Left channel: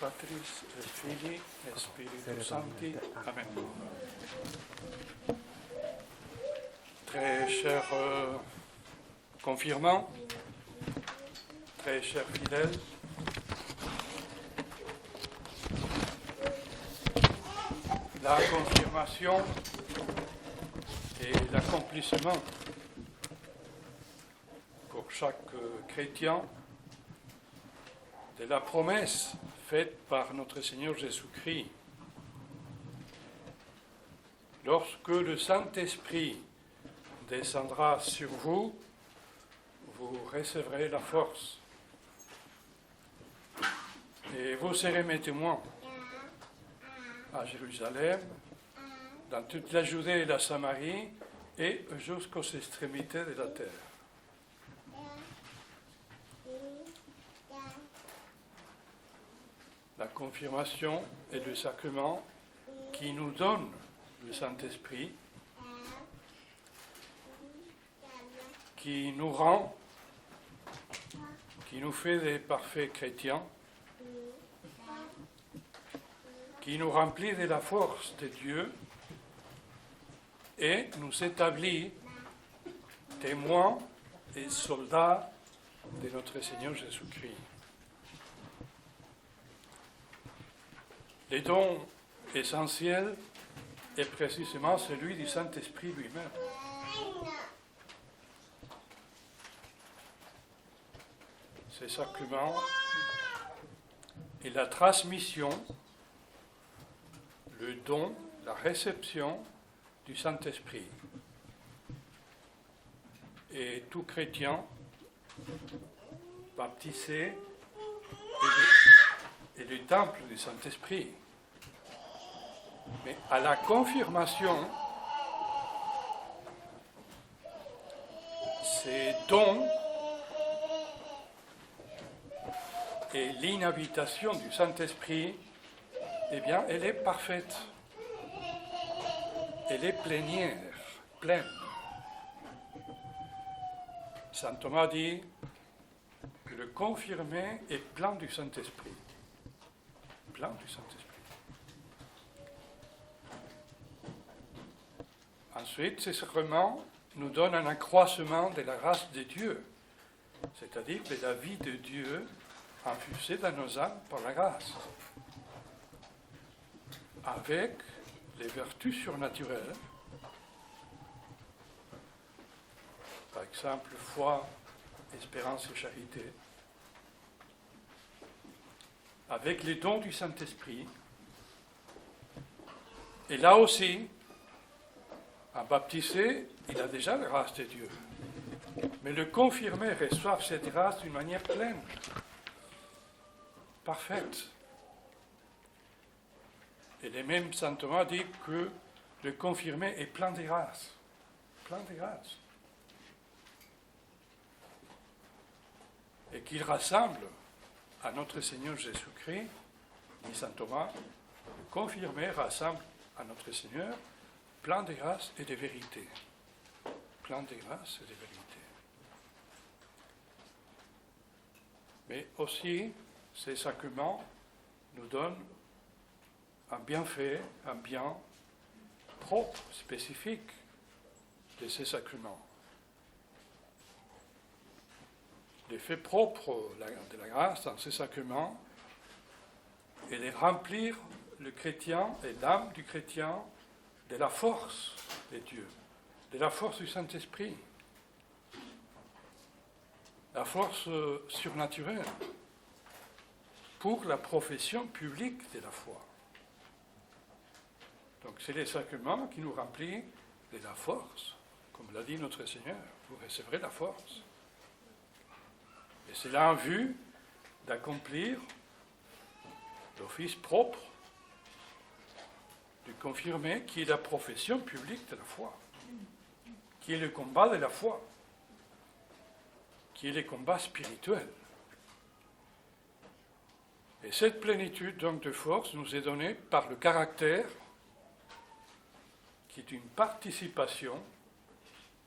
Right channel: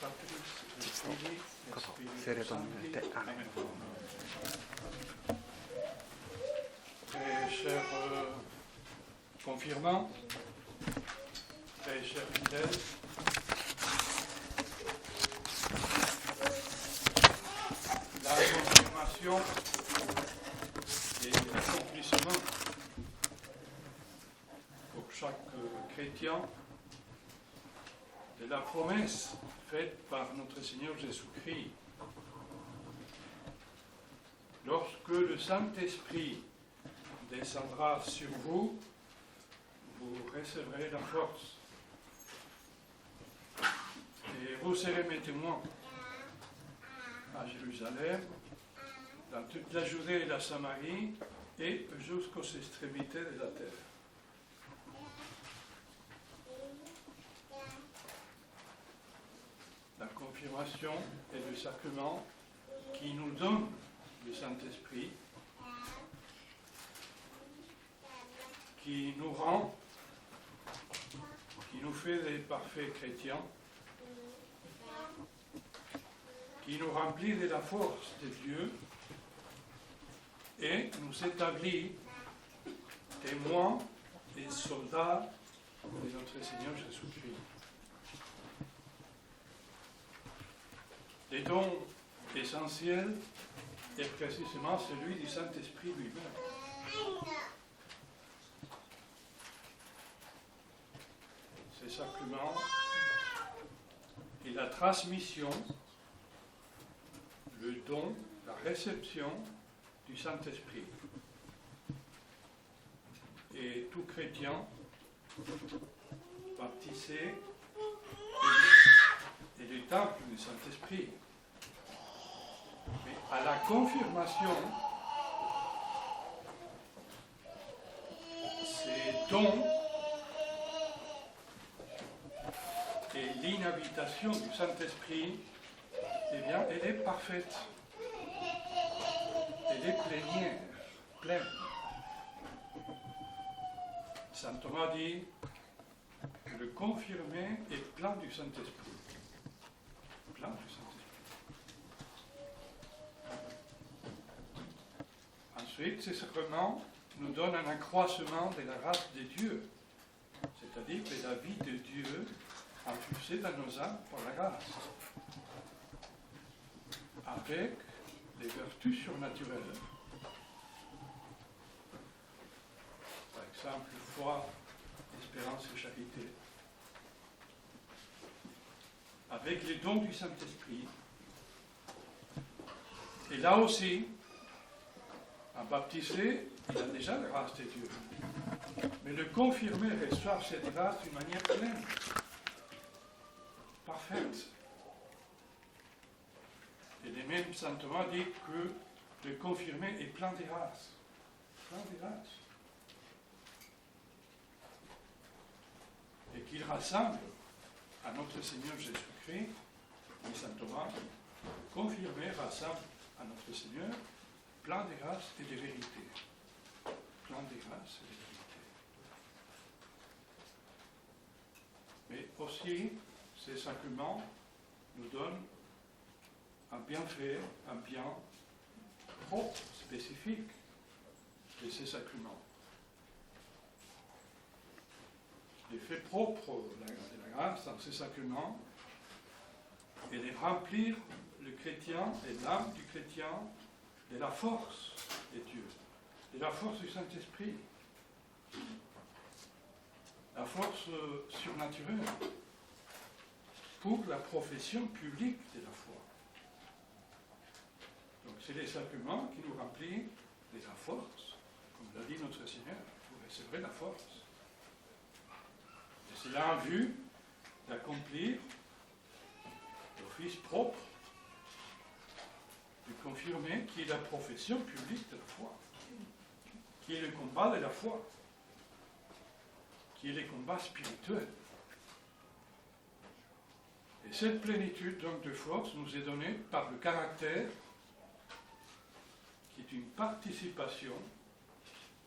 Patris, et Filii, et Spiritus Sancti. Amen. Très chers confirmants, très chers fidèles, la confirmation est l'accomplissement pour chaque chrétien de la promesse faite par notre Seigneur Jésus-Christ. Lorsque le Saint-Esprit descendra sur vous, vous recevrez la force. Et vous serez mes témoins à Jérusalem, dans toute la Judée et la Samarie, et jusqu'aux extrémités de la terre. La confirmation est le sacrement qui nous donne le Saint-Esprit, qui nous rend, qui nous fait des parfaits chrétiens, qui nous remplit de la force de Dieu et nous établit témoins et soldats de notre Seigneur Jésus-Christ. Le don essentiel est précisément celui du Saint-Esprit lui-même. Ces sacrements et la transmission, le don, la réception du Saint-Esprit. Et tout chrétien baptisé est le temple du Saint-Esprit. Mais à la confirmation, ces dons et l'inhabitation du Saint-Esprit, eh bien, elle est parfaite. Elle est plénière, pleine. Saint Thomas dit que le confirmé est plein du Saint-Esprit. Plein du Saint-Esprit. Ensuite, ces sacrements nous donnent un accroissement de la grâce de Dieu, c'est-à-dire de la vie de Dieu infusée dans nos âmes par la grâce, avec les vertus surnaturelles, par exemple foi, espérance et charité, avec les dons du Saint-Esprit, et là aussi, un baptisé, il a déjà la grâce de Dieu. Mais le confirmé reçoit cette grâce d'une manière pleine, parfaite. Et le même Saint Thomas dit que le confirmé est plein de grâce. Plein de grâce. Et qu'il rassemble à notre Seigneur Jésus-Christ, dit Saint Thomas, le confirmé rassemble à notre Seigneur plein de grâce et de vérité. Plein de grâce et de vérité. Mais aussi, ces sacrements nous donnent un bienfait, un bien propre, spécifique de ces sacrements. L'effet propre de la grâce dans ces sacrements est de remplir le chrétien et l'âme du chrétien de la force de Dieu, de la force du Saint-Esprit, la force surnaturelle pour la profession publique de la foi. Donc c'est les sacrements qui nous remplissent de la force, comme l'a dit notre Seigneur, vous recevrez la force. Et c'est là en vue d'accomplir l'office propre du confirmé, qui est la profession publique de la foi, qui est le combat de la foi, qui est le combat spirituel. Et cette plénitude donc de force nous est donnée par le caractère qui est une participation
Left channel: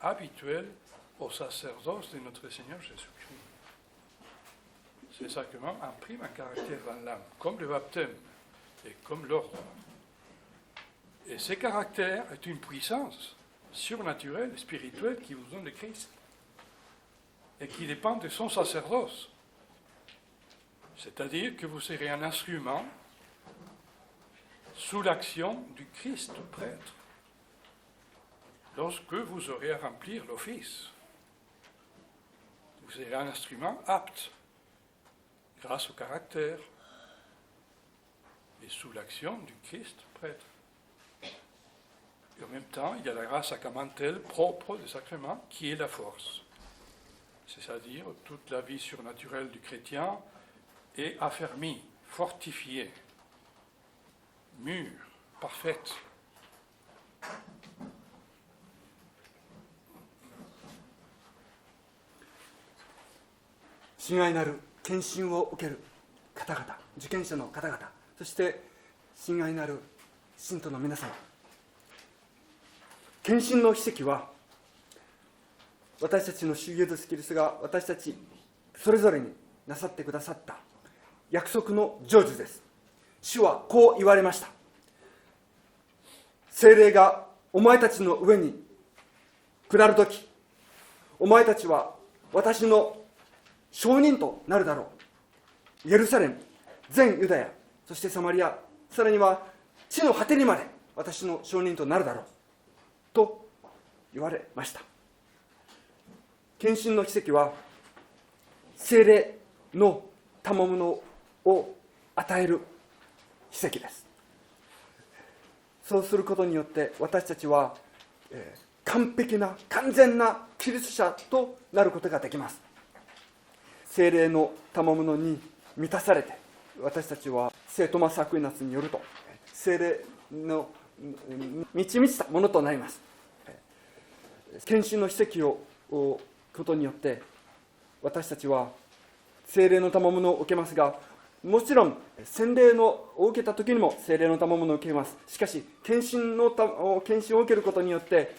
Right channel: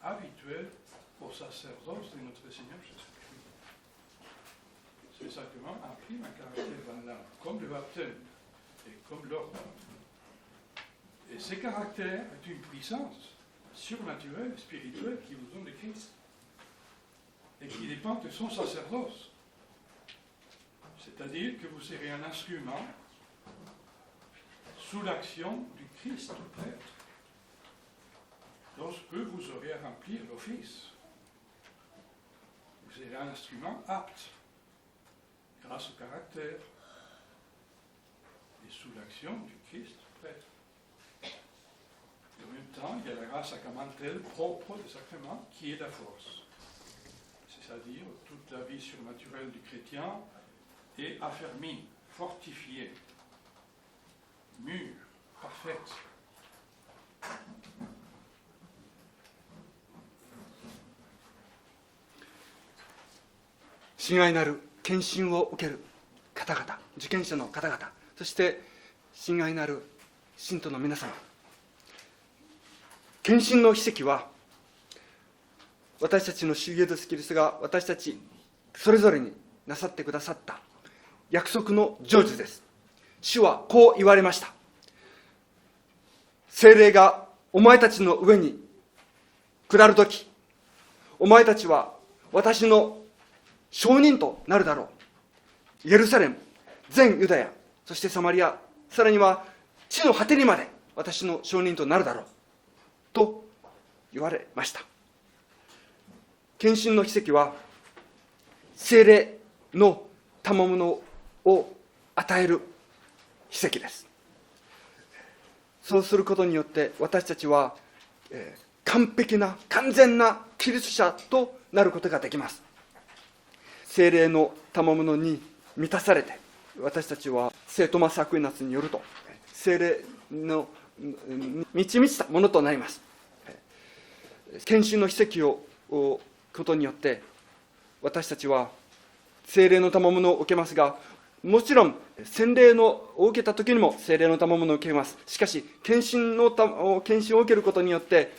habituelle au sacerdoce de notre Seigneur Jésus-Christ. les sacrements impriment un caractère dans l'âme, comme le baptême et comme l'ordre. Et ce caractère est une puissance surnaturelle, spirituelle, qui vous donne le Christ et qui dépend de son sacerdoce. C'est-à-dire que vous serez un instrument sous l'action du Christ prêtre lorsque vous aurez à remplir l'office. Vous serez un instrument apte grâce au caractère et sous l'action du Christ prêtre. Et en même temps, il y a la grâce sacramentelle propre du sacrement qui est la force. C'est-à-dire toute la vie surnaturelle du chrétien est affermie, fortifiée, mûre, parfaite. 親愛なる献身を受ける方々、受験者の方々、そして親愛なる信徒の皆様、献身の奇跡は私たちの主イエスキリストが私たちそれぞれになさってくださった約束の成就です。主はこう言われました。聖霊がお前たちの上に下るとき、お前たちは私の証人となるだろう。エルサレム、全ユダヤ、そしてサマリア、さらには地の果てにまで私の証人となるだろうと言われました。献身の奇跡は聖霊の賜物を与える奇跡です。そうすることによって私たちは、完璧な完全なキリスト者となることができます。聖霊の賜物に満たされて、私たちは聖トマス・アクイナスによると聖霊の満ち満ちたものとなります。献身の奇跡をことによって私たちは聖霊の賜物を受けますが、もちろん洗礼を受けた時にも聖霊の賜物を受けます。しかし献身を受けることによって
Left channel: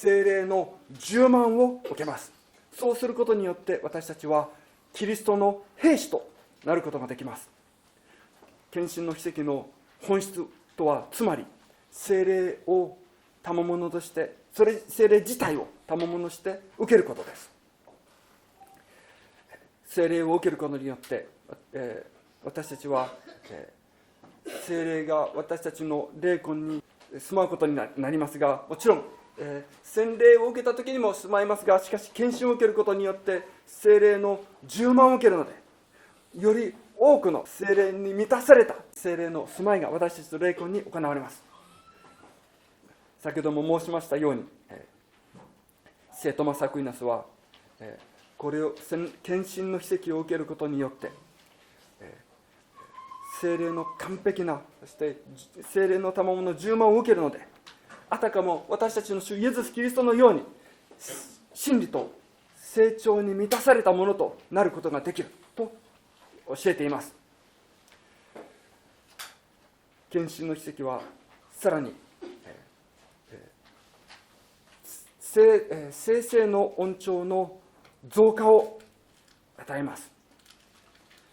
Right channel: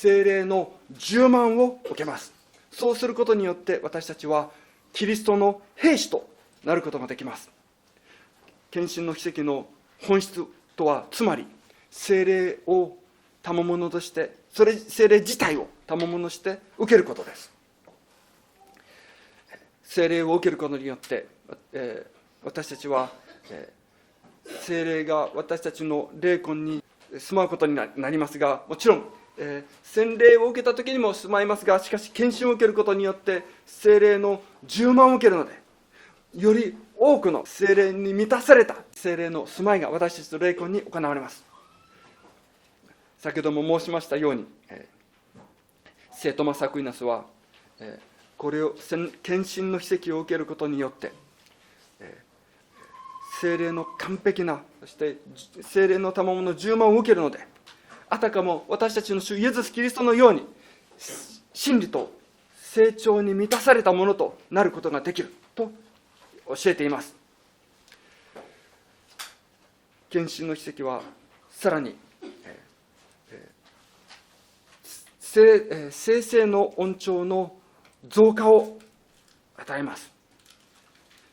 聖霊の充満を受けます。そうすることによって私たちはキリストの兵士となることができます。献身の奇跡の本質とは、つまり聖霊を賜物として、聖霊自体を賜物として受けることです。聖霊を受けることによって、私たちは、聖霊が私たちの霊魂に住まうことになりますが、もちろん洗礼を受けた時にも住まいますが、しかし献身を受けることによって聖霊の充満を受けるので、より多くの聖霊に満たされた聖霊の住まいが私たちの霊魂に行われます。先ほども申しましたように、聖トマス・アクイナスはこれを献身の奇跡を受けることによって聖霊の完璧な、そして聖霊の賜物の充満を受けるので、あたかも私たちの主イエス・キリストのように真理と成長に満たされたものとなることができると教えています。献身の奇跡はさらに聖々の恩寵の増加を与えます。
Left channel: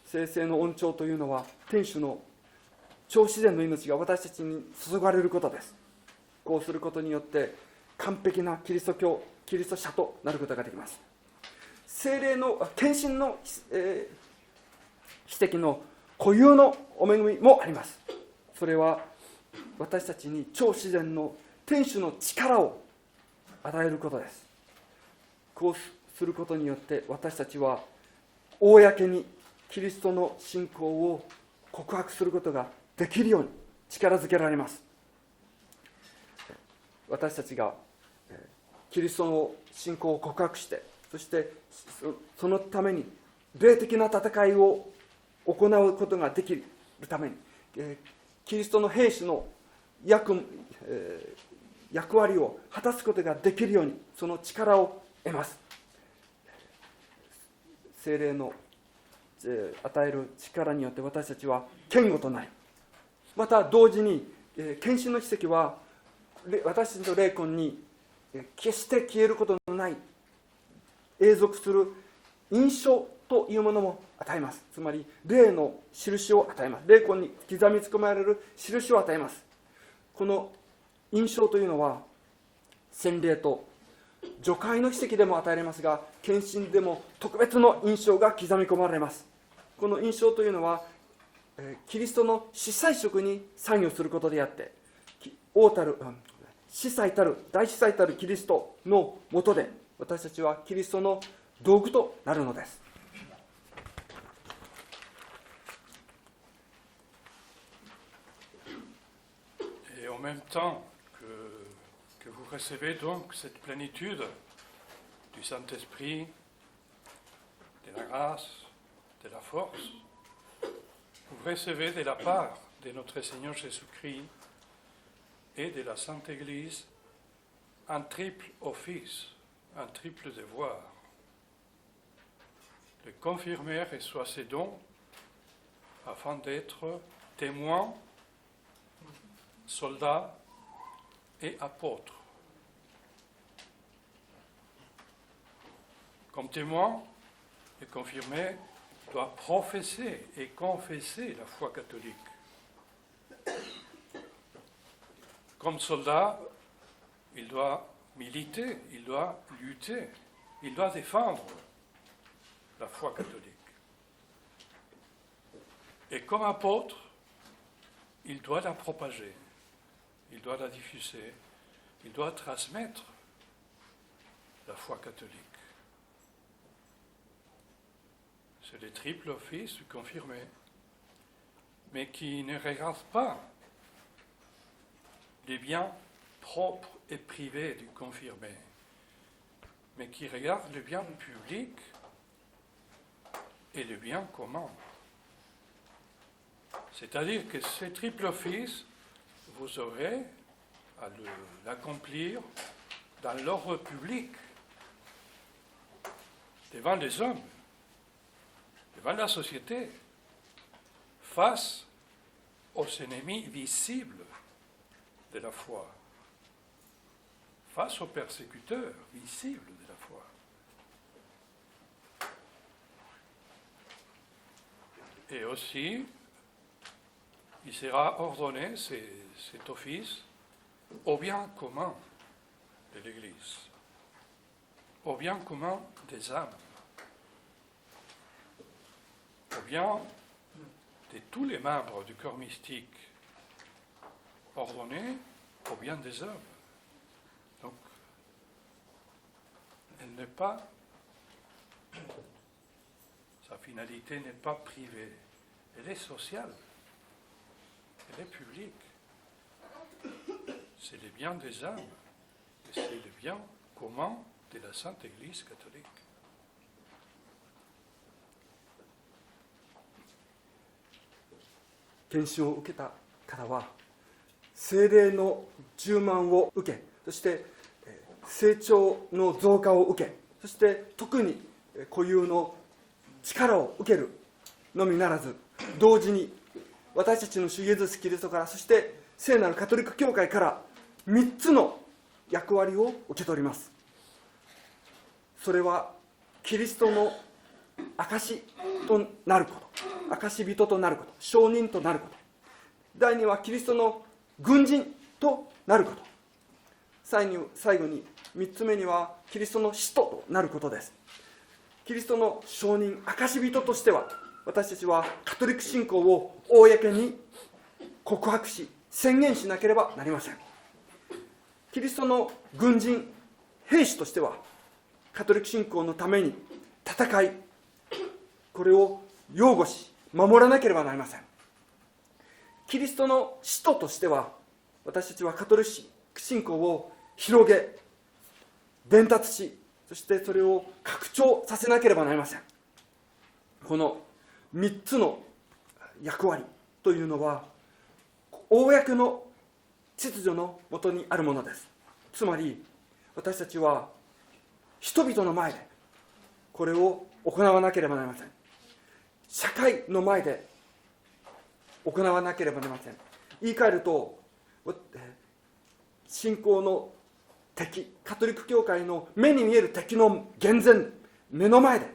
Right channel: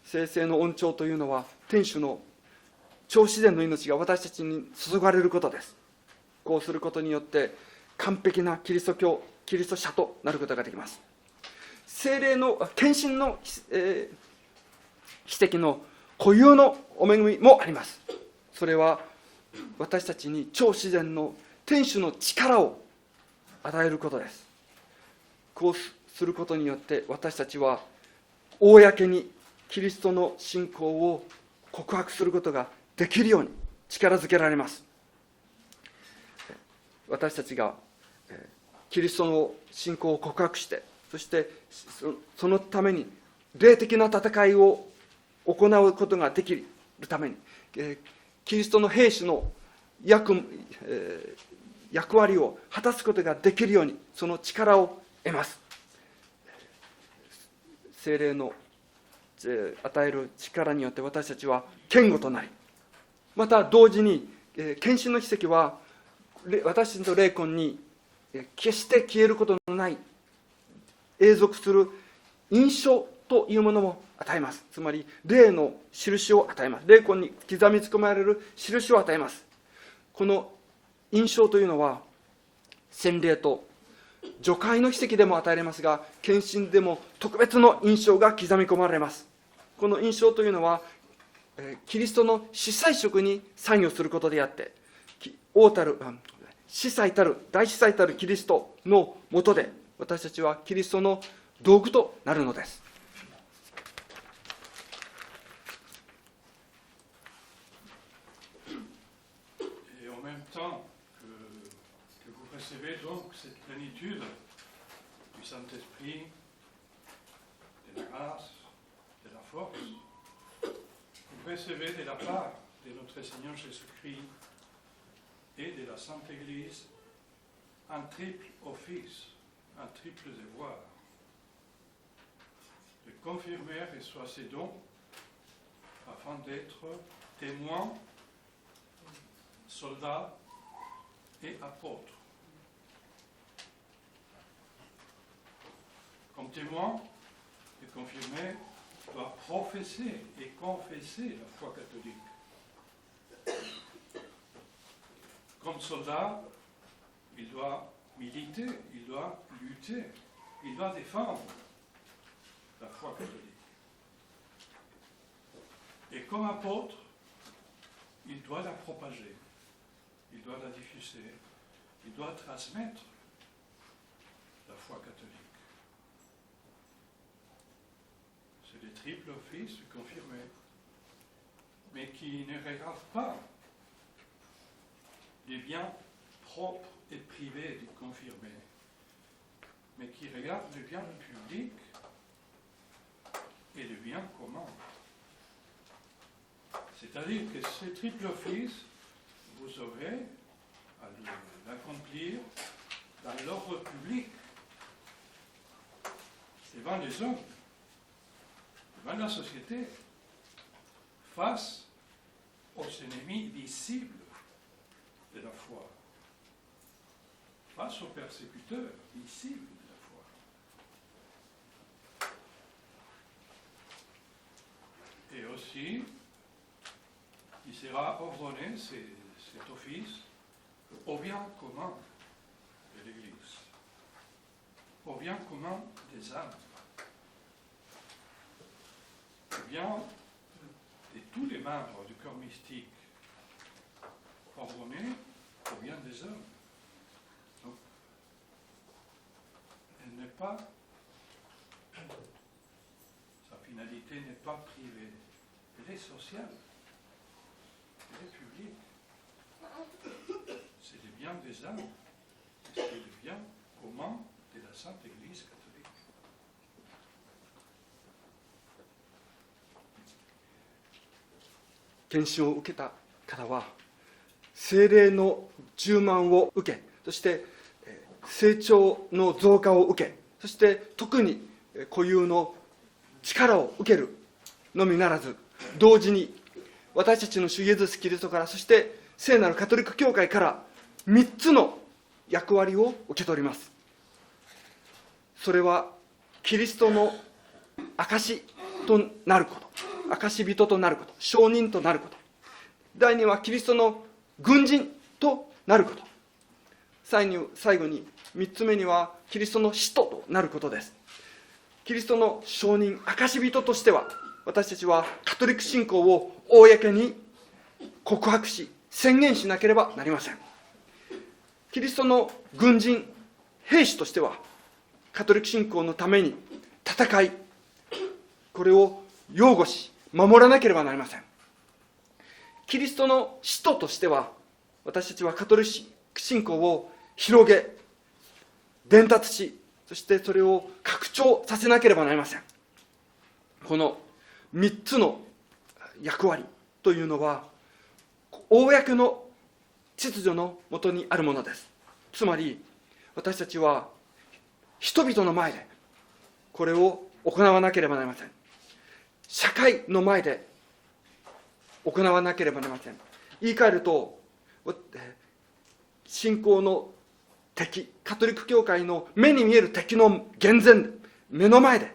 聖々の恩寵というのは天主の超自然の命が私たちに注がれることです。こうすることによって完璧なキリスト教、キリスト者となることができます。聖霊の献身の、奇跡の固有のお恵みもあります。それは私たちに超自然の天主の力を与えることです。こうすることによって私たちは公にキリストの信仰を告白することができるように力づけられます。私たちがキリストの信仰を告白して、そしてそのために霊的な戦いを行うことができるために、キリストの兵士の役割を果たすことができるようにその力を得ます。聖霊の与える力によって私たちは堅固となり、また同時に献身の奇跡は私たちの霊魂に決して消えることのない永続する印象というものも与えます。つまり霊の印を与えます。霊魂に刻み込まれる印を与えます。この印象というのは洗礼と除界の奇跡でも与えられますが、献身でも特別の印象が刻み込まれます。この印象というのはキリストの司祭職に参与することであって、王たる司祭たる大司祭たるキリストのもとで私たちはキリストの道具となるのです。Et en même temps que vous recevez donc cette plénitude du Saint-Esprit, de la grâce, de la force, vous recevez de la part de notre Seigneur Jésus-Christ et de la Sainte Église un triple office, un triple devoir. Le confirmer reçoit ses dons afin d'être témoin, soldat et apôtre. Comme témoin, le confirmé doit professer et confesser la foi catholique. Comme soldat, il doit militer, il doit lutter, il doit défendre la foi catholique. Et comme apôtre, il doit la propager, il doit la diffuser, il doit transmettre la foi catholique. C'est le triple office du confirmé, mais qui ne regarde pas les biens propres et privés du confirmé, mais qui regarde le bien public et le bien commun. C'est-à-dire que ce triple office, vous aurez à l'accomplir dans l'ordre public, devant les hommes, devant la société, face aux ennemis visibles de la foi, face aux persécuteurs visibles de la foi. Et aussi, il sera ordonné, cet office, au bien commun de l'Église, au bien commun des âmes, au bien de tous les membres du corps mystique, ordonné au bien des hommes. Donc, elle n'est pas, sa finalité n'est pas privée, elle est sociale, elle est publique. C'est le bien des âmes, et c'est le bien commun de la Sainte Église catholique. 献身を受けた方は聖霊の充満を受け、そして成長の増加を受け、そして特に固有の力を受けるのみならず、同時に私たちの主イエスキリストから、そして聖なるカトリック教会から3つの役割を受け取ります。それはキリストの証となること、証人となること、証人となること。第2はキリストの軍人となること。最後に3つ目にはキリストの使徒となることです。キリストの証人、証人としては、私たちはカトリック信仰を公に告白し、宣言しなければなりません。キリストの軍人、兵士としては、カトリック信仰のために戦い、これを擁護し、守らなければなりません。キリストの使徒としては、私たちはカトリック信仰を広げ、伝達し、そしてそれを拡張させなければなりません。この3つの役割というのは、公の秩序のもとにあるものです。つまり、私たちは人々の前でこれを行わなければなりません。社会の前で行わなければなりません。言い換えると、信仰の敵、カトリック教会の目に見える敵の眼前で、目の前で、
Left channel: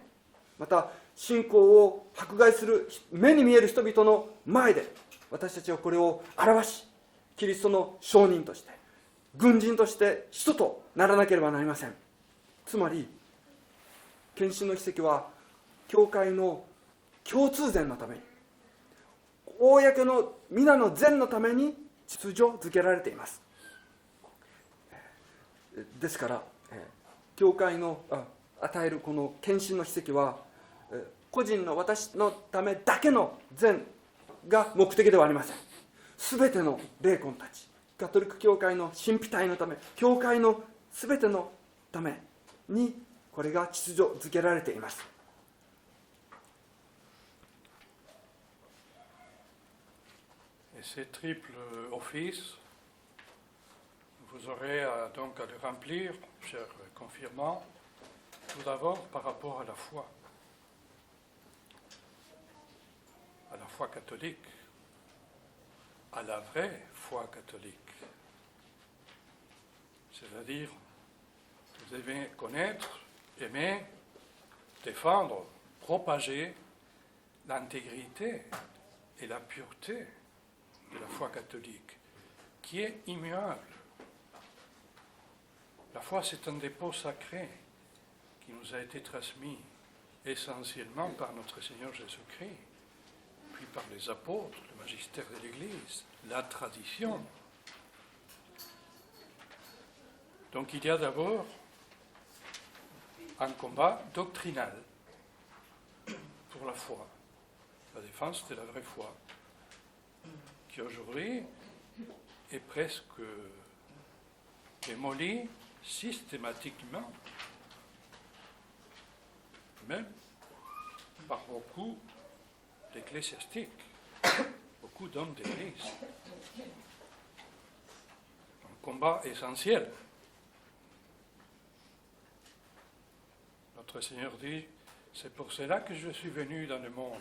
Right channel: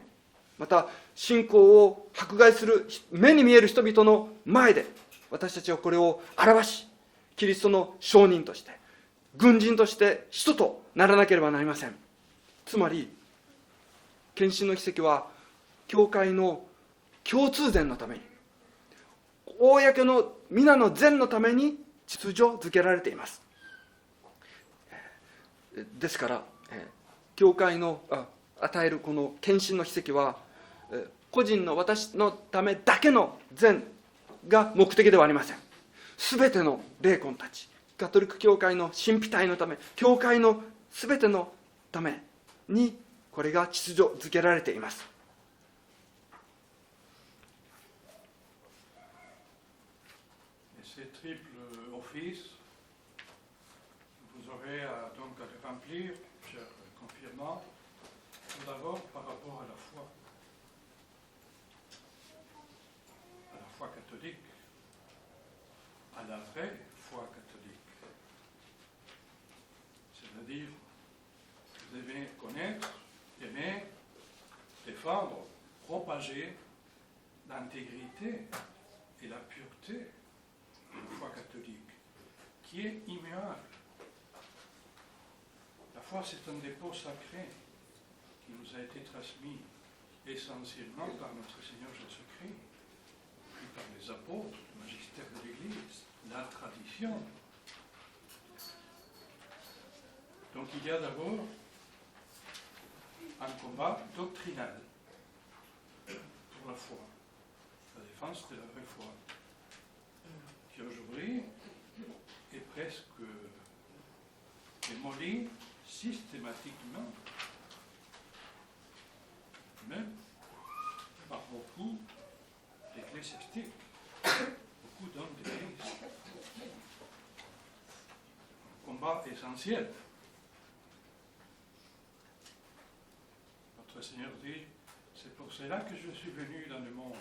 また信仰を迫害する目に見える人々の前で、私たちはこれを表し、キリストの証人として、軍人として使徒とならなければなりません。つまり、献身の奇跡は、教会の共通善のために、公の皆の善のために秩序づけられています。ですから、教会の与えるこの献身の奇跡は、個人の私のためだけの善が目的ではありません。すべての霊魂たち、カトリック教会の神秘体のため、教会のすべてのために、これが秩序づけられています。Ces triples offices, vous aurez donc à les remplir, chers confirmants, tout d'abord par rapport à la foi catholique, à la vraie foi catholique. C'est-à-dire, vous devez connaître, aimer, défendre, propager l'intégrité et la pureté de la foi catholique, qui est immuable. La foi, c'est un dépôt sacré qui nous a été transmis essentiellement par notre Seigneur Jésus-Christ, puis par les apôtres, le magistère de l'Église, la tradition. Donc il y a d'abord un combat doctrinal pour la foi, la défense de la vraie foi, qui aujourd'hui est presque démolie systématiquement, même par beaucoup d'ecclésiastiques, beaucoup d'hommes d'église. Un combat essentiel. Notre Seigneur dit, c'est pour cela que je suis venu dans le monde,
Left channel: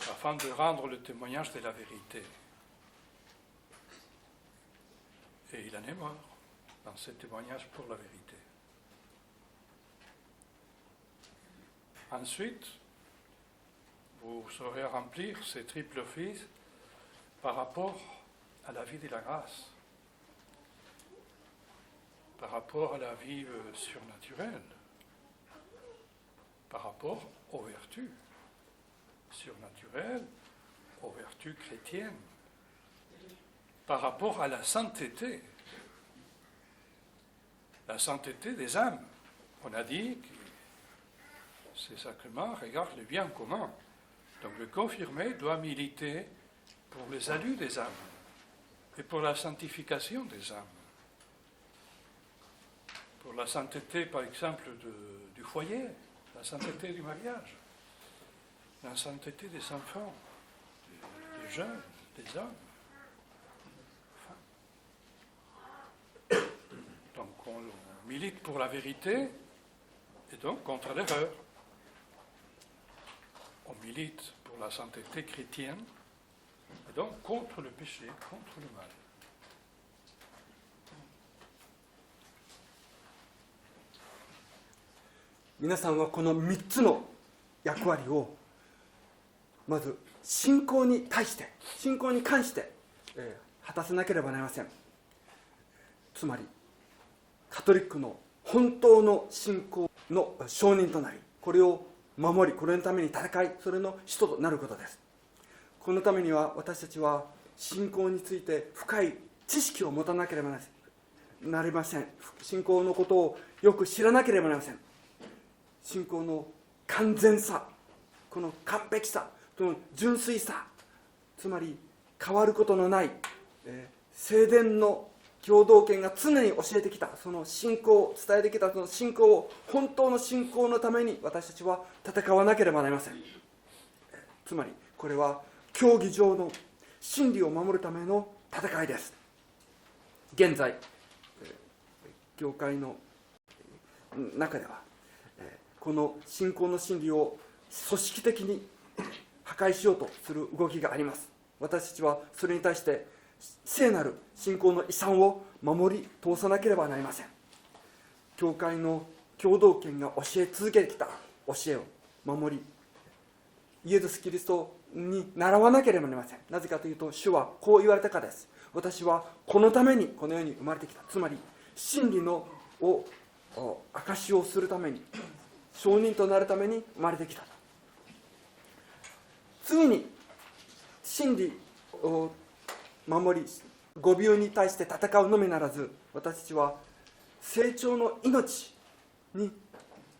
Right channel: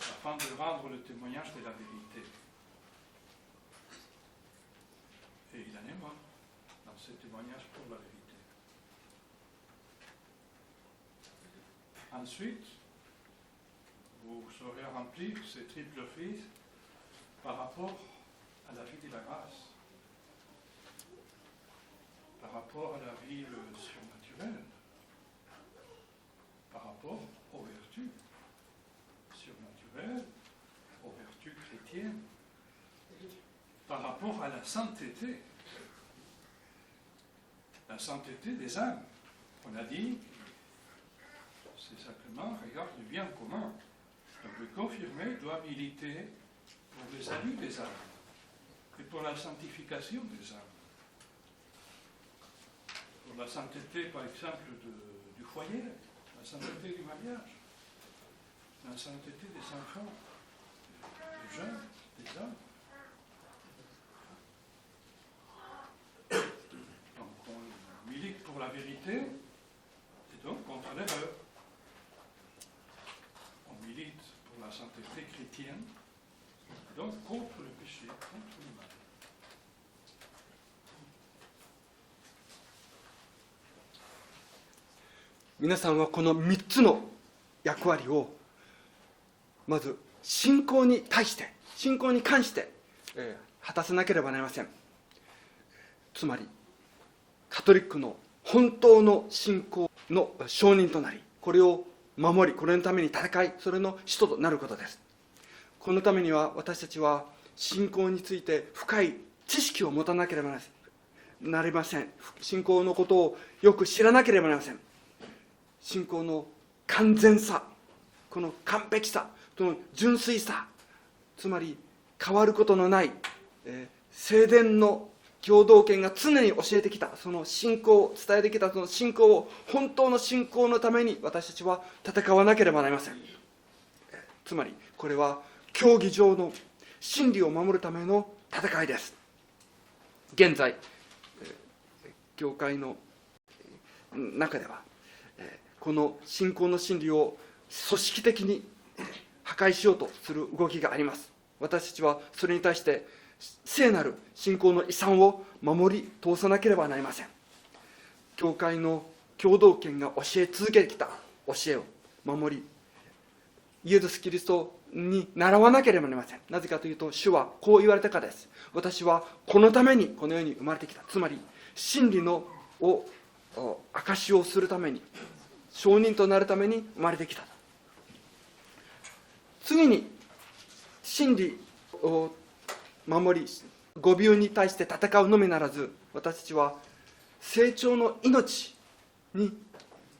afin de rendre le témoignage de la vérité. Et il en est mort dans ce témoignage pour la vérité. Ensuite, vous saurez remplir ces triples offices par rapport à la vie de la grâce, par rapport à la vie surnaturelle, par rapport aux vertus surnaturelles, aux vertus chrétiennes, par rapport à la sainteté des âmes. On a dit que ces sacrements regardent le bien commun. Donc le confirmé doit militer pour le salut des âmes et pour la sanctification des âmes. Pour la sainteté, par exemple, du foyer, la sainteté du mariage, la sainteté des enfants, des jeunes, des hommes. Donc on milite pour la vérité et donc contre l'erreur. On milite pour la sainteté chrétienne et donc contre le péché, contre le mal. Vous savez, この3つの役割をまず信仰に対して、信仰に関して、果たさなければなりません。つまりカトリックの本当の信仰の証人となり、これを守り、これのために戦い、それの使徒となることです。このためには私たちは信仰について深い知識を持たなければなりません。信仰のことをよく知らなければなりません。信仰の完全さ、この完璧さ、その純粋さ、つまり変わることのない、聖殿の共同権が常に教えてきたその信仰を伝えてきたその信仰を本当の信仰のために私たちは戦わなければなりません。つまりこれは教義上の真理を守るための戦いです。現在教会の中ではこの信仰の真理を組織的に破壊しようとする動きがあります。私たちはそれに対して聖なる信仰の遺産を守り通さなければなりません。教会の共同権が教え続けてきた教えを守り、イエス・キリストに習わなければなりません。なぜかというと、主はこう言われたからです。私はこのためにこの世に生まれてきた。つまり真理の証しをするために、証人となるために生まれてきたと。次に真理を守り、誤謬に対して戦うのみならず、私たちは成長の命に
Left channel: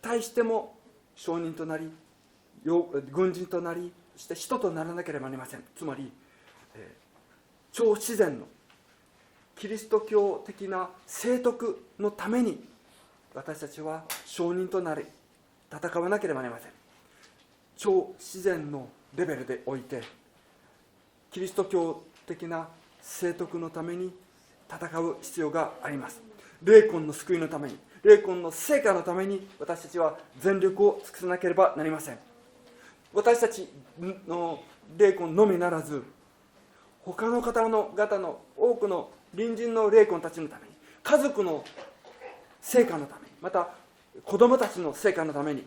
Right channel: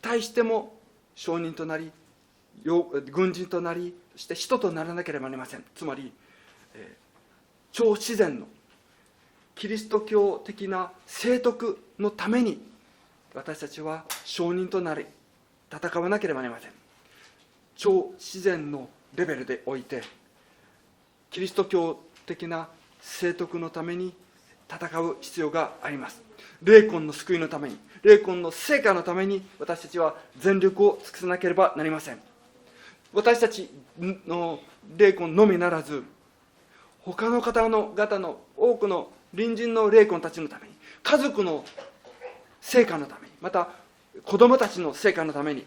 対しても証人となり、軍人となり、そして人とならなければなりません。つまり、超自然のキリスト教的な聖徳のために私たちは証人となり戦わなければなりません。超自然のレベルでおいてキリスト教的な聖徳のために戦う必要があります。霊魂の救いのために、霊魂の成果のために私たちは全力を尽くさなければなりません。私たちの霊魂のみならず、他の方の多くの隣人の霊魂たちのために、家族の成果のために、また子供たちの成果のために、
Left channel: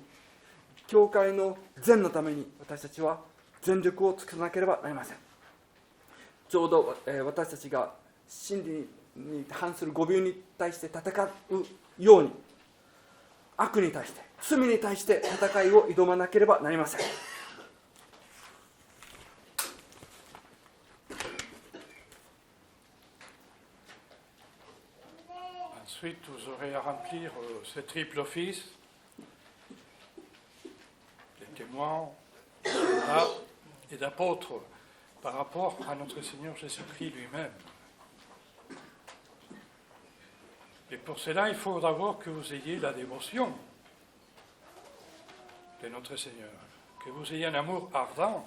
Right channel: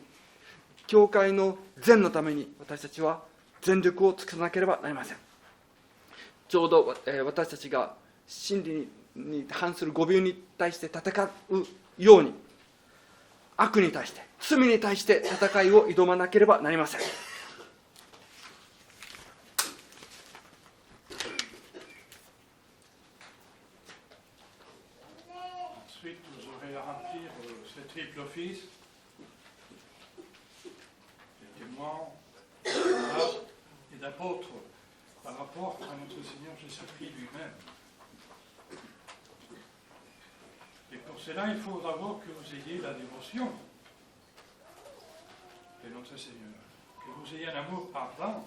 教会の善のために私たちは全力を尽くさなければなりません。ちょうど私たちが真理に反する誤謬に対して戦うように、悪に対して、罪に対して戦いを挑まなければなりません。Ensuite, vous aurez à remplir ce triple office, de témoins, et d'apôtres par rapport à notre Seigneur Jésus-Christ lui-même. Et pour cela, il faut d'abord que vous ayez la dévotion de notre Seigneur, que vous ayez un amour ardent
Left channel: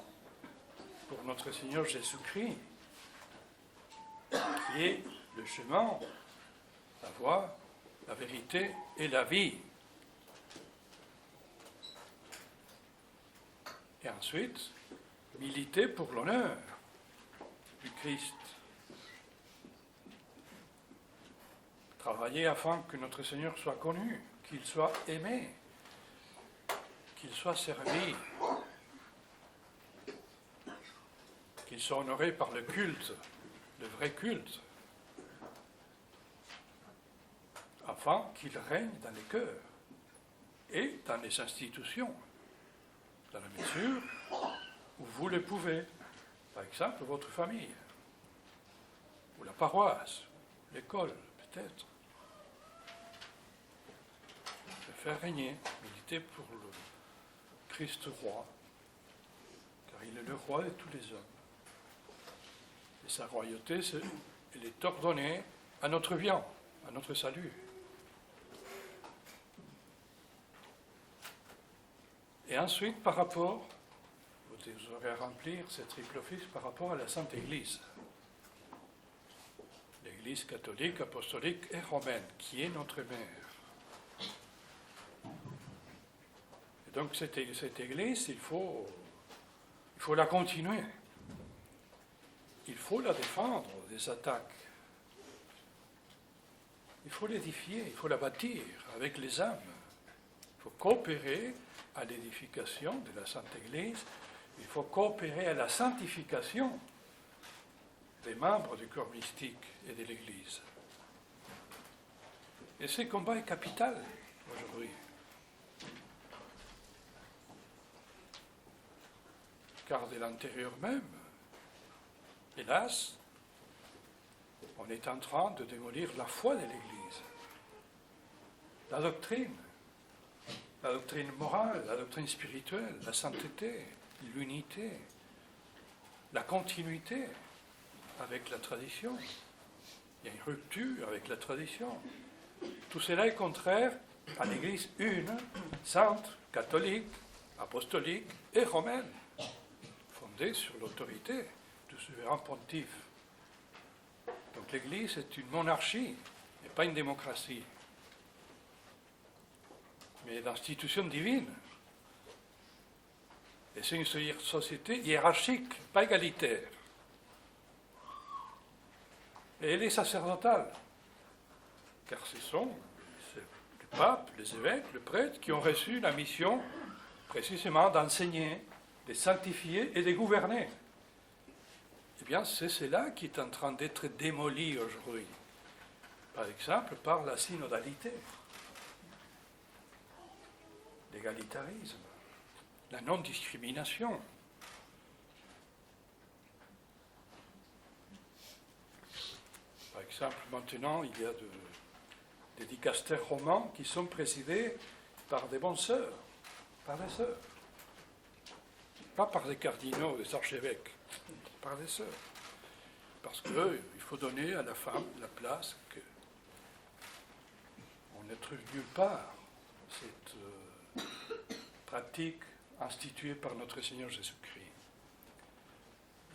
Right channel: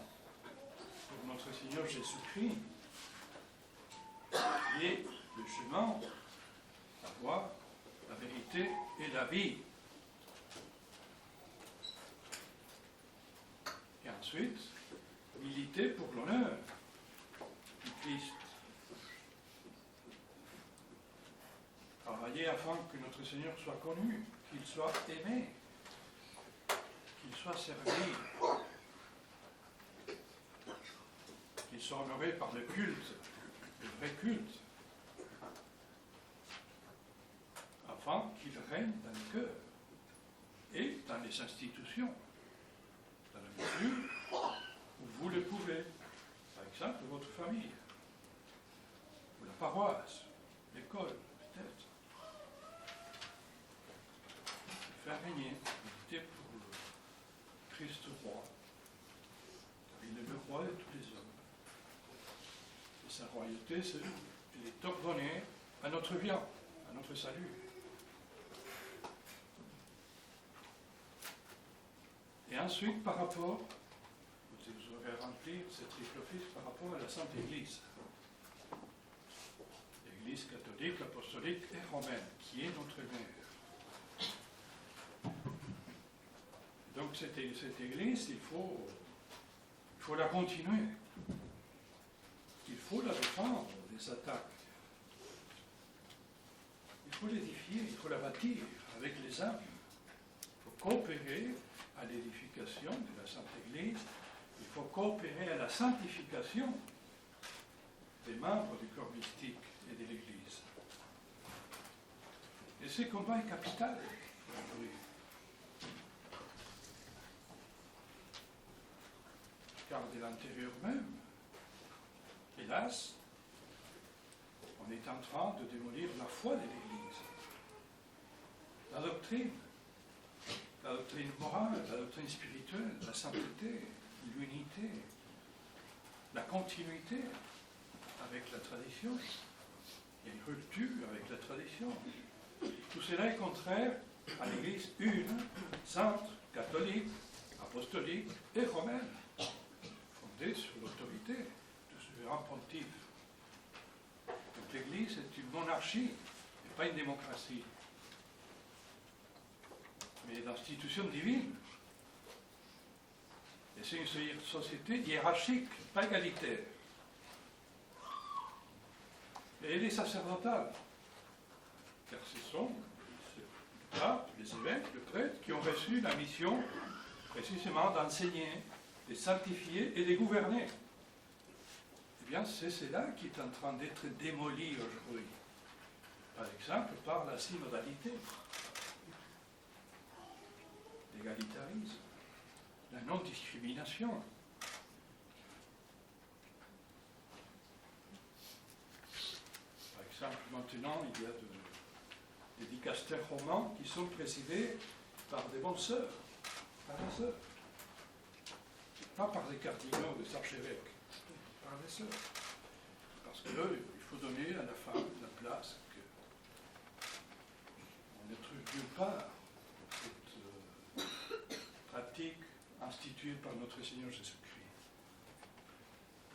pour notre Seigneur Jésus-Christ, qui est le chemin, la voie, la vérité et la vie. Et ensuite, militer pour l'honneur du Christ. Travailler afin que notre Seigneur soit connu, qu'il soit aimé, qu'il soit servi, qu'il soit honoré par le culte, le vrai culte, afin qu'il règne dans les cœurs et dans les institutions, dans la mesure où vous le pouvez. Par exemple, votre famille, ou la paroisse, l'école, peut-être. Faire régner, méditer pour le Christ roi, car il est le roi de tous les hommes. Et sa royauté, elle est ordonnée à notre bien, à notre salut. Et ensuite, par rapport, vous aurez à remplir ce triple office par rapport à la Sainte Église. L'Église catholique, apostolique et romaine, qui est notre mère. Donc cette Église, il faut la continuer. Il faut la défendre des attaques. Il faut l'édifier, il faut la bâtir avec les âmes. Il faut coopérer à l'édification de la Sainte Église. Il faut coopérer à la sanctification des membres du corps mystique et de l'Église. Et ce combat est capital aujourd'hui. Car de l'intérieur même, hélas, on est en train de démolir la foi de l'Église, la doctrine morale, la doctrine spirituelle, la sainteté, l'unité, la continuité avec la tradition. Il y a une rupture avec la tradition. Tout cela est contraire à l'Église une, sainte, catholique, apostolique et romaine, fondée sur l'autorité du souverain pontife. Donc l'Église est une monarchie, et pas une démocratie, mais l'institution divine. Et c'est une société hiérarchique, pas égalitaire. Et elle est sacerdotale, car ce sont le pape, les évêques, le prêtre qui ont reçu la mission précisément d'enseigner les sanctifier et les gouverner. Eh bien, c'est cela qui est en train d'être démoli aujourd'hui. Par exemple, par la synodalité, l'égalitarisme, la non-discrimination. Par exemple, maintenant, il y a des dicastères romans qui sont présidés par des bonnes sœurs, par des sœurs. Pas par des cardinaux, des archevêques, par des sœurs. Parce qu'il faut donner à la femme la place qu'on ne trouve nulle part. Cette pratique instituée par notre Seigneur Jésus-Christ.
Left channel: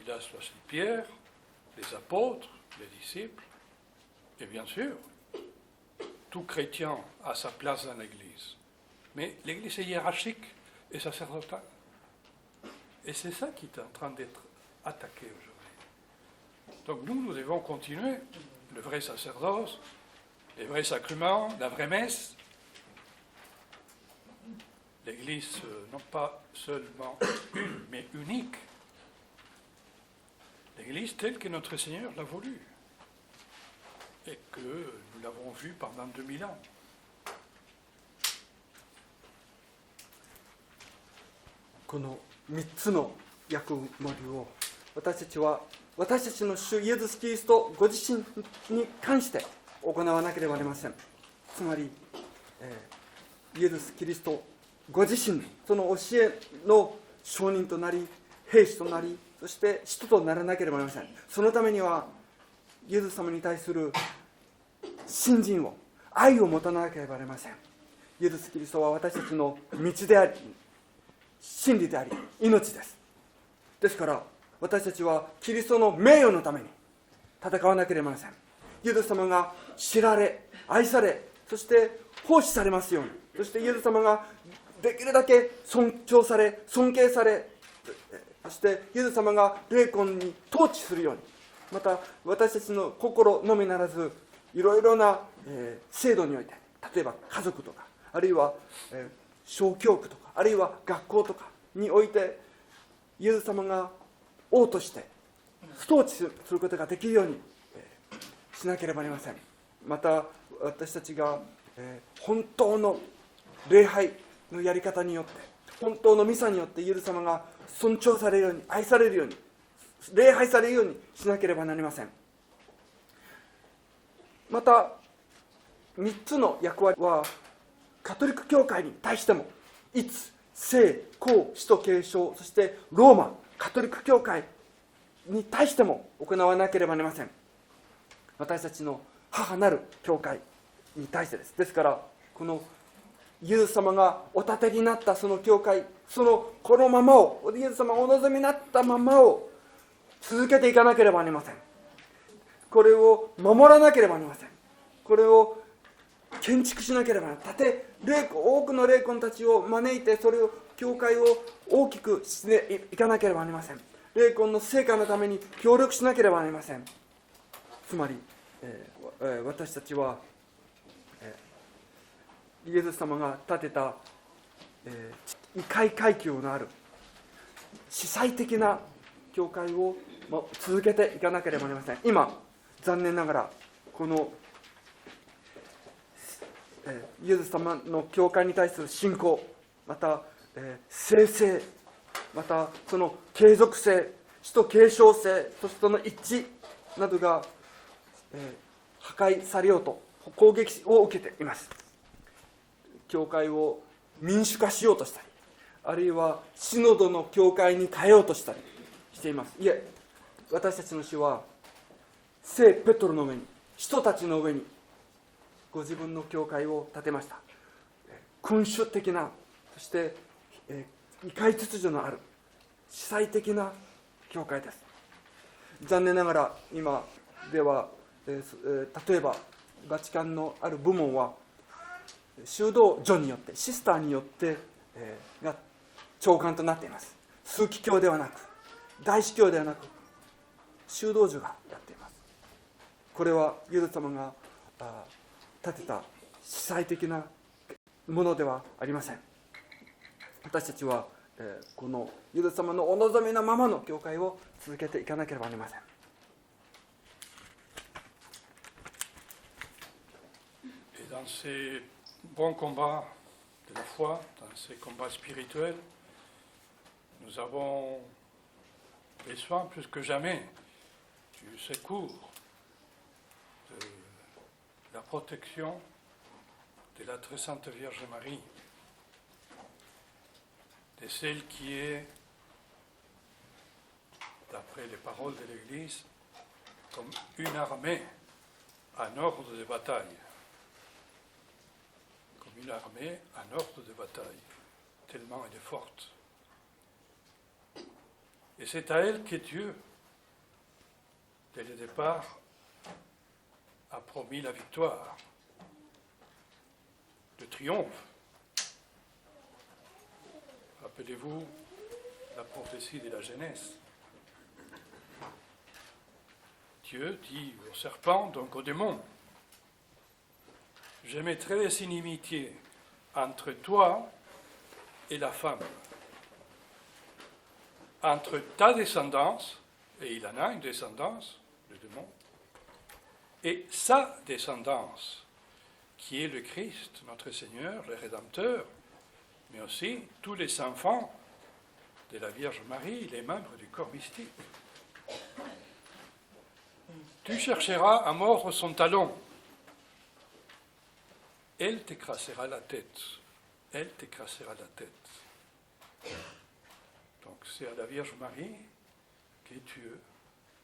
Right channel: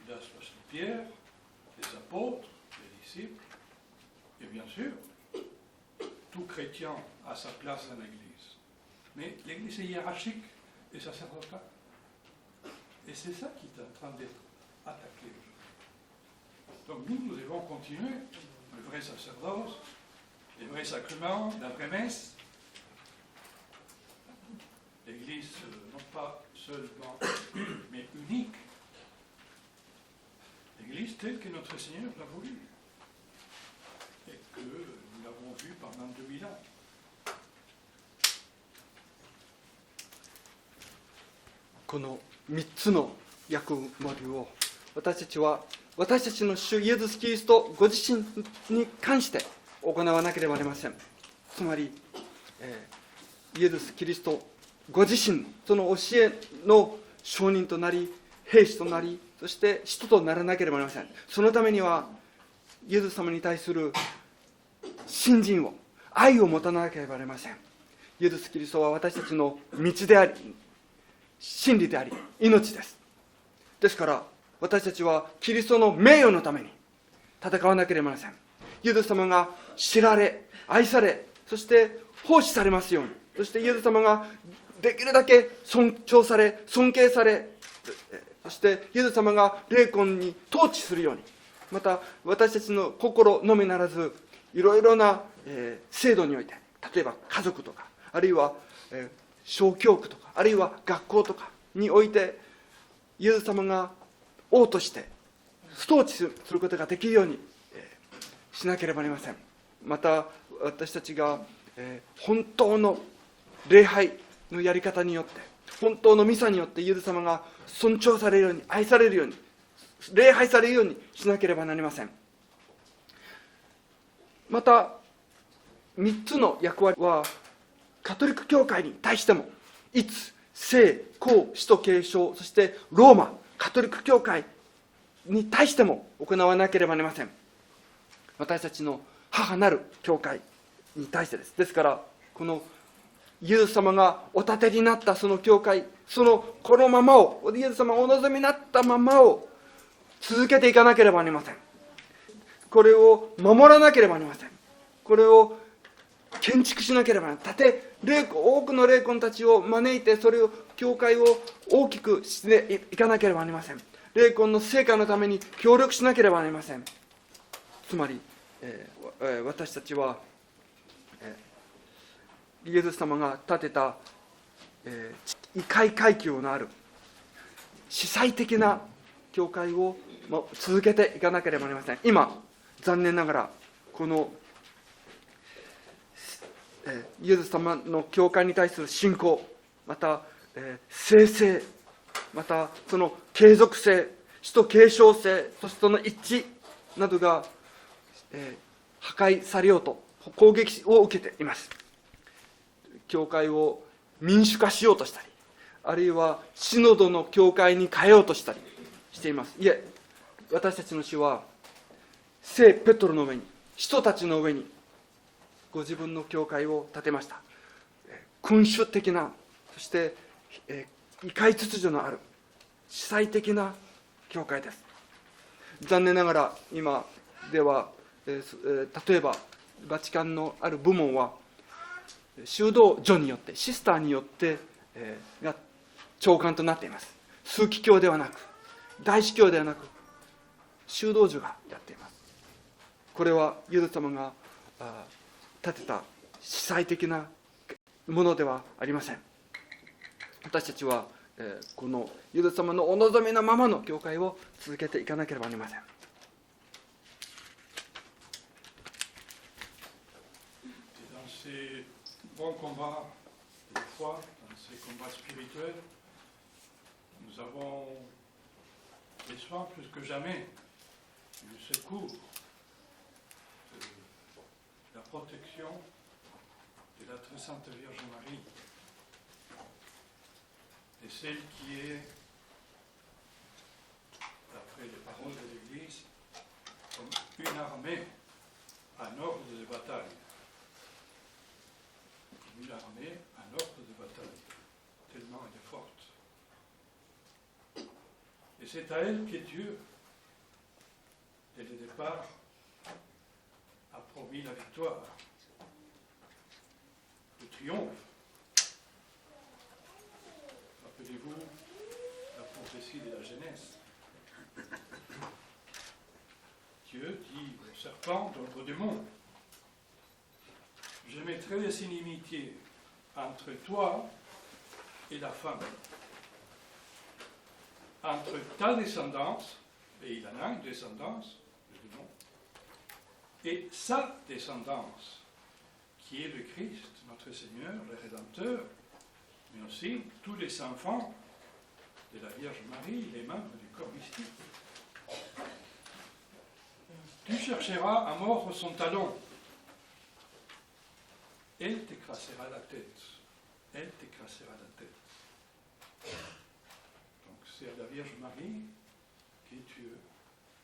Il a choisi Pierre, les apôtres, les disciples, et bien sûr, tout chrétien a sa place dans l'Église. Mais l'Église est hiérarchique et sacerdotale. Et c'est ça qui est en train d'être attaqué aujourd'hui. Donc nous devons continuer le vrai sacerdoce, les vrais sacrements, la vraie messe. L'Église, non pas seulement une, mais unique. L'Église telle que notre Seigneur l'a voulu. Et que nous l'avons vue pendant 2000 ans.この3つの役割を私たちは私たちの主イエス・キリストご自身に関して行わなければなりません。つまり、イエス・キリストご自身その教えの証人となり兵士となりそして使徒とならなければなりません。そのためにはイエス様に対する信心を愛を持たなければなりません。イエス・キリストは私たちの道であり真理であり命です。ですから私たちはキリストの名誉のために戦わなければなりません。イエス様が知られ愛されそして奉仕されますように、そしてイエス様ができるだけ尊重され尊敬され、そしてイエス様が霊魂に統治するように、また私たちの心のみならずいろいろな制度において、例えば家族とかあるいは小教区とかあるいは学校とかにおいてイエス様が王として統治することができるようにしなければなりません。また私たちが本当の礼拝のやり方によって本当のミサによってイエス様が尊重されるように愛されるように礼拝されるようにしなければなりません。また3つの役割はカトリック教会に対してもいつ聖公使徒継承そしてローマカトリック教会に対しても行わなければなりません。私たちの母なる教会に対してです。ですからこのイエス様がお立てになったその教会、このままをイエス様がお望みになったままを続けていかなければなりません。これを守らなければなりません。これを建築しなければならない。多くの霊魂たちを招いてそれを教会を大きくしていかなければなりません。霊魂の成果のために協力しなければなりません。つまり、私たちは、イエス様が建てた、異界階級のある司祭的な教会を続けていかなければなりません。今残念ながらこのイエス様の教会に対する信仰、また聖性、またその継続性、使徒継承性、そしてその一致などが破壊されようと攻撃を受けています。教会を民主化しようとしたり、あるいはシノドの教会に変えようとしたりしています。いえ、私たちの主は聖ペトロの上に、使徒たちの上にご自分の教会を建てました。君主的な、そして異界秩序のある司祭的な教会です。残念ながら今では、例えばバチカンのある部門は修道女によってシスターによって、が長官となっています。枢機卿ではなく大司教ではなく修道女がやっています。これはイエス様が建てた司祭的なものではありません。私たちはこのユダ様のお望みのままの教会を続けていかなければなりません。Dans ces bons combats de la foi, dans ces combats spirituels, nous avons besoin plus que jamais du secours, de la protection de la très sainte Vierge Marie, de celle qui est, d'après les paroles de l'Église, comme une armée en ordre de bataille. Une armée en ordre de bataille, tellement elle est forte. Et c'est à elle que Dieu, dès le départ, a promis la victoire, le triomphe. Rappelez-vous la prophétie de la Genèse. Dieu dit au serpent, donc au démon, je mettrai des inimitiés entre toi et la femme, entre ta descendance, et il en a une descendance, le démon, et sa descendance, qui est le Christ, notre Seigneur, le Rédempteur, mais aussi tous les enfants de la Vierge Marie, les membres du corps mystique. Tu chercheras à mordre son talon. Elle t'écrasera la tête. Elle t'écrasera la tête. Donc c'est à la Vierge Marie que Dieu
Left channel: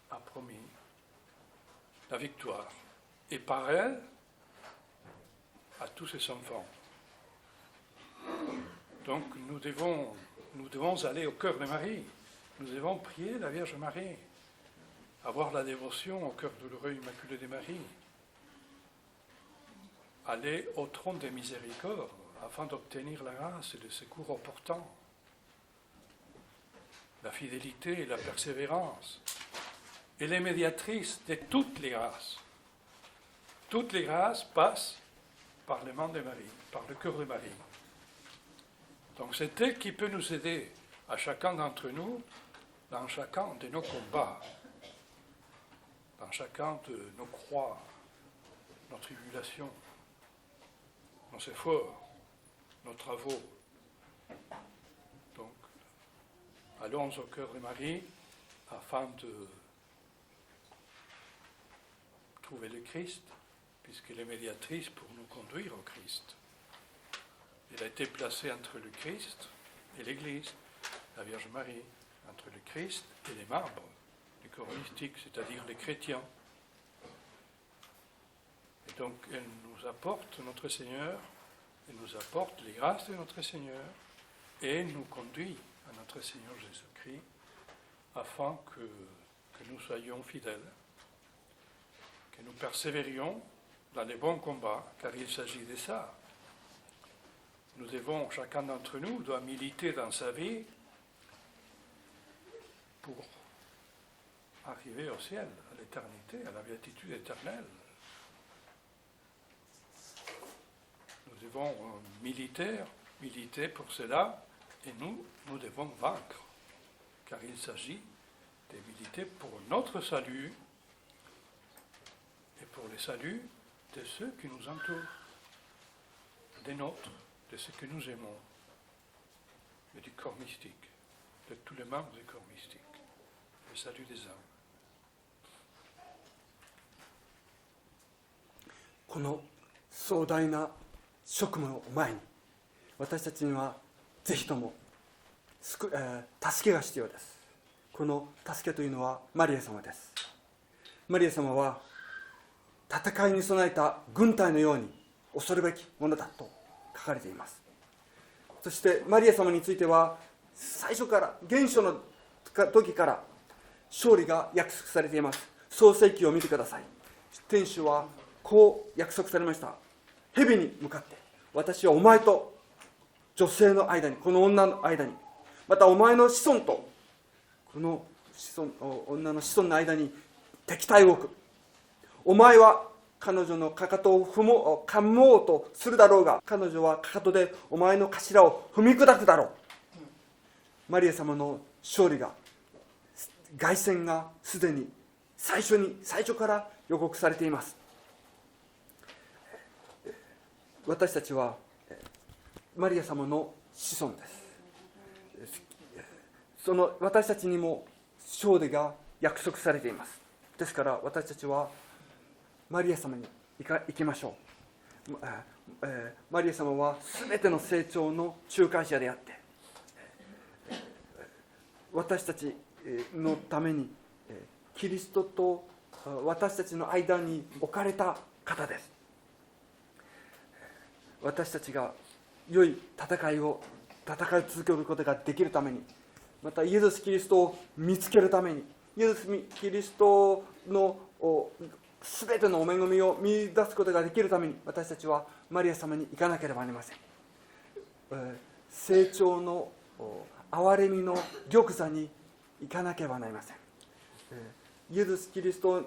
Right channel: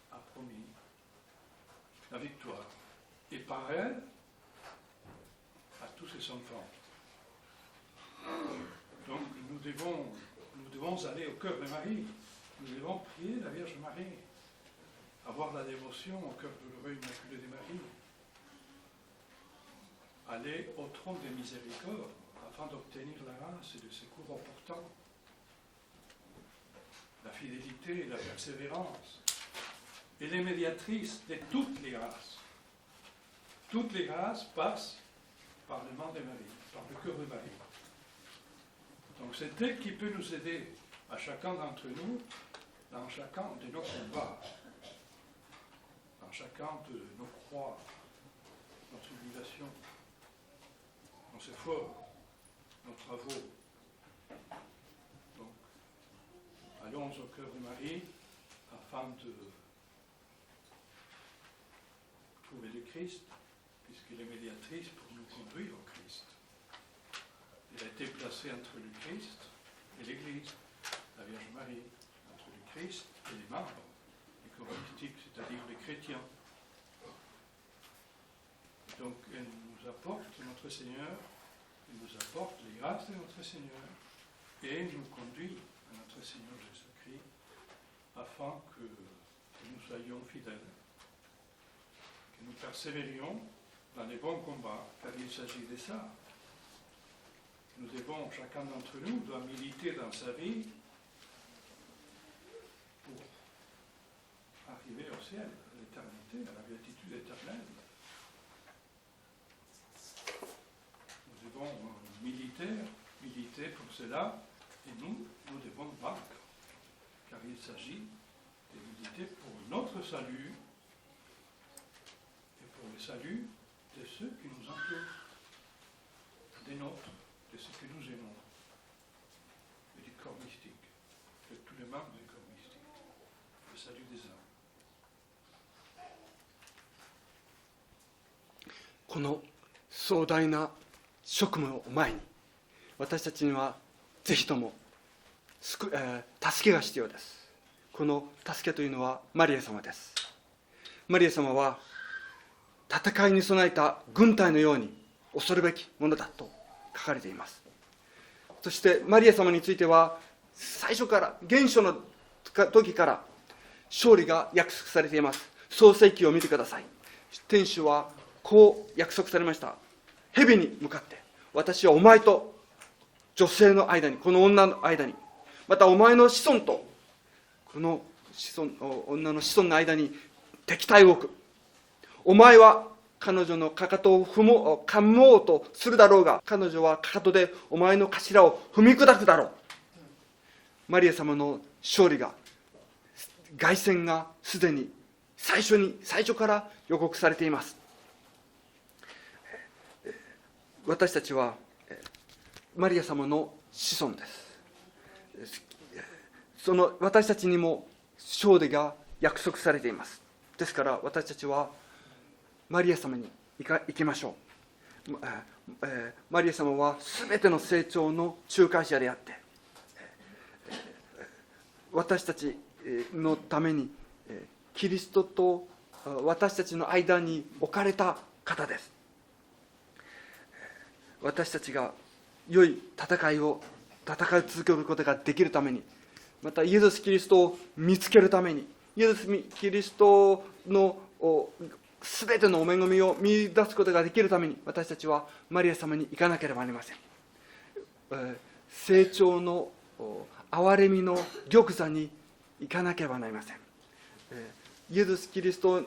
a promis la victoire. Et par elle, à tous ses enfants. Donc nous devons aller au cœur de Marie. Nous devons prier la Vierge Marie. Avoir la dévotion au cœur douloureux immaculé de Marie. Aller au trône des miséricordes afin d'obtenir la grâce et le secours opportun, la fidélité et la persévérance. Elle est médiatrice de toutes les grâces. Toutes les grâces passent par les mains de Marie, par le cœur de Marie. Donc c'est elle qui peut nous aider à chacun d'entre nous dans chacun de nos combats, dans chacun de nos croix, nos tribulations, nos efforts, nos travaux. Donc, allons au cœur de Marie afin de trouver le Christ, puisqu'elle est médiatrice pour nous conduire au Christ. Elle a été placée entre le Christ et l'Église, la Vierge Marie, entre le Christ et les membres du corps mystique, c'est-à-dire les chrétiens. Et donc, elle nous apporte notre Seigneur, elle nous apporte les grâces de notre Seigneur, et elle nous conduit à notre Seigneur Jésus-Christ, afin que nous soyons fidèles, que nous persévérions dans les bons combats, car il s'agit de ça. Nous devons, chacun d'entre nous doit militer dans sa vie pour arriver au ciel, à l'éternité, à la béatitude éternelle. Nous devons militer pour cela, et nous devons vaincre, car il s'agit de militer pour notre salut et pour le salut de ceux qui nous entourent, des nôtres, de ceux que nous aimons, et du corps mystique, de tous les membres du corps mystique, le salut des âmes. この壮大な職務を前に、私たちにはぜひとも助けが必要です。この助けというのはマリア様です。マリア様は戦いに備えた軍隊のように恐るべきものだと書かれています。そしてマリア様については最初から原初の時から勝利が約束されています。創世記を見てください。天使はこう約束されました。蛇に向かって、私はお前と女性の間に、この女の間に、またお前の子孫とこの女の子孫の間に敵対を置く。お前は彼女のかかとを噛もうとするだろうが、彼女はかかとでお前の頭を踏み砕くだろう。マリア様の勝利が、凱旋がすでに最初から予告されています。私たちはマリア様の子孫です。その私たちにも勝利が約束されています。ですから私たちはマリア様に行きましょう。マリア様はすべての成長の仲介者であって、私たちのためにキリストと私たちの間に置かれた方です。私たちが良い戦い続けることができるために、またイエス・キリストを見つけるために、イエス・キリストのすべてのお恵みを見出すことができるために、私たちはマリア様に行かなければなりません。成長の憐れみの玉座に行かなければなりません。イエス・キリスト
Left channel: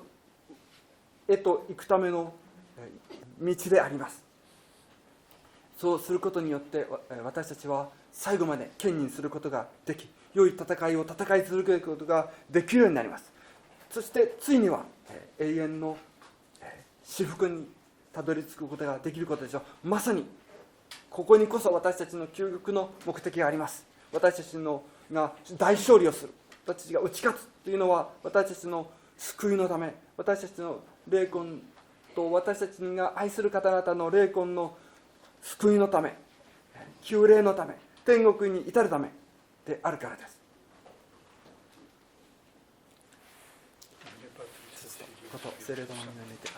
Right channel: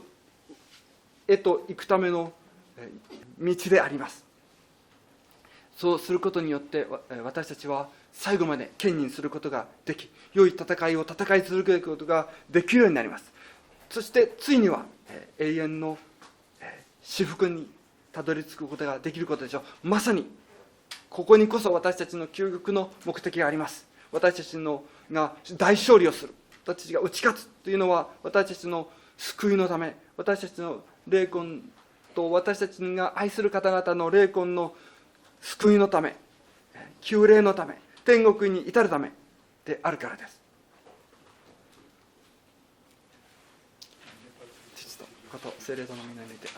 へと行くための道であります。そうすることによって私たちは最後まで堅忍することができ、良い戦いを戦い続けることができるようになります。そしてついには永遠の至福にたどり着くことができることでしょう。まさにここにこそ私たちの究極の目的があります。私たちが大勝利をする、私たちが打ち勝つというのは、私たちの救いのため、私たちの霊魂と私たちが愛する方々の霊魂の救いのため、救霊のため、天国に至るためであるからです。こと聖霊との皆にて